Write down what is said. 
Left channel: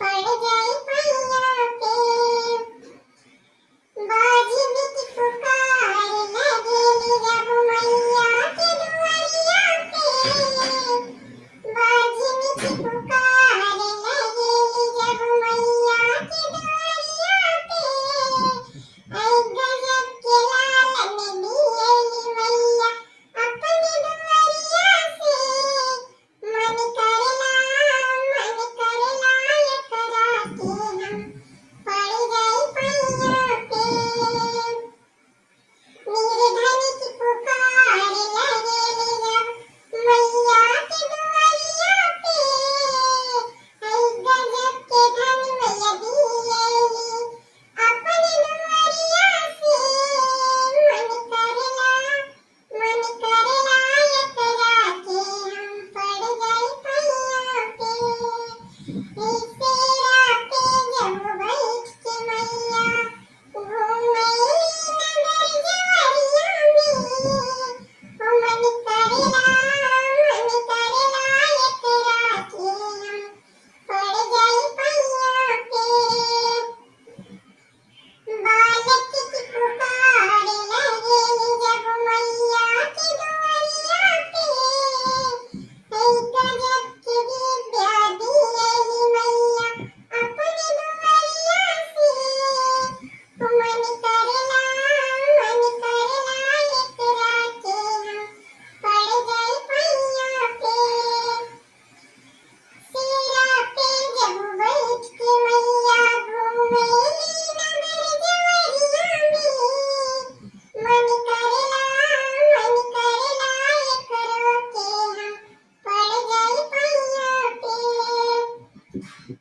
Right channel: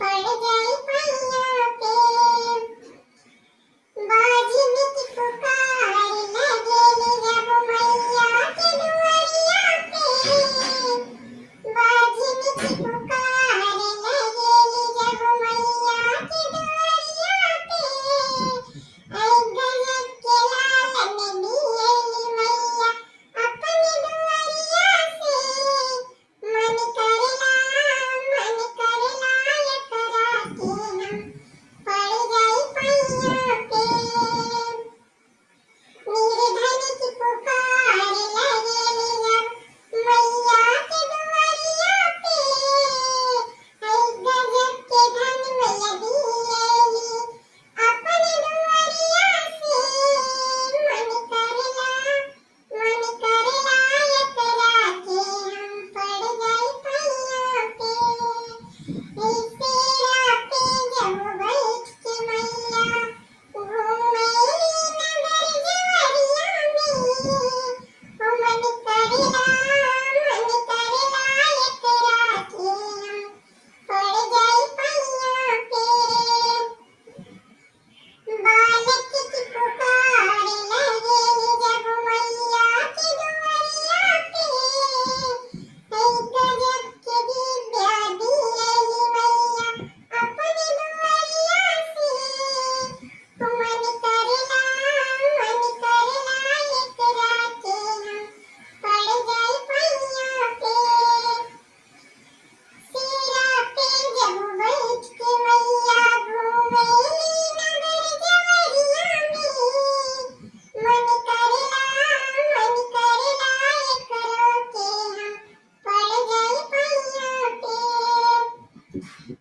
पड़ गई पैया पे बाजी में की पुकार लगेली जब मैया के दुआरिया पे बाजी में की पुकार लगेली जब मैया के दुआरिया पे ऐ गजब के लालन दिएली मैया अपनी दुआरिया से मन करला एकरा के हम पड़ गई पैया पे निर्धन की पुकार लगेली जब मैया के दुआरिया पे ऐ गजब के धन मैया दिएली अपने दुआरिया से मन करला एकरा के हम पड़ गई पैया पे तेरा पे जब बैठ के मैया घूमेली नगर जवरिया में ओ मन करला एकरा के हम पड़ गई पैया पे बालक की पुकार लगेली जब मैया के दुआरिया पे ऐ गजब के दिव्या दिएली मैया अपने दुआरिया से मन करला एकरा के हम पड़ गई पैया पे तेरा पे जब बैठ के मैया घूमेली नगर जवरिया में मन करला एकरा के हम पड़ गई पैया पे।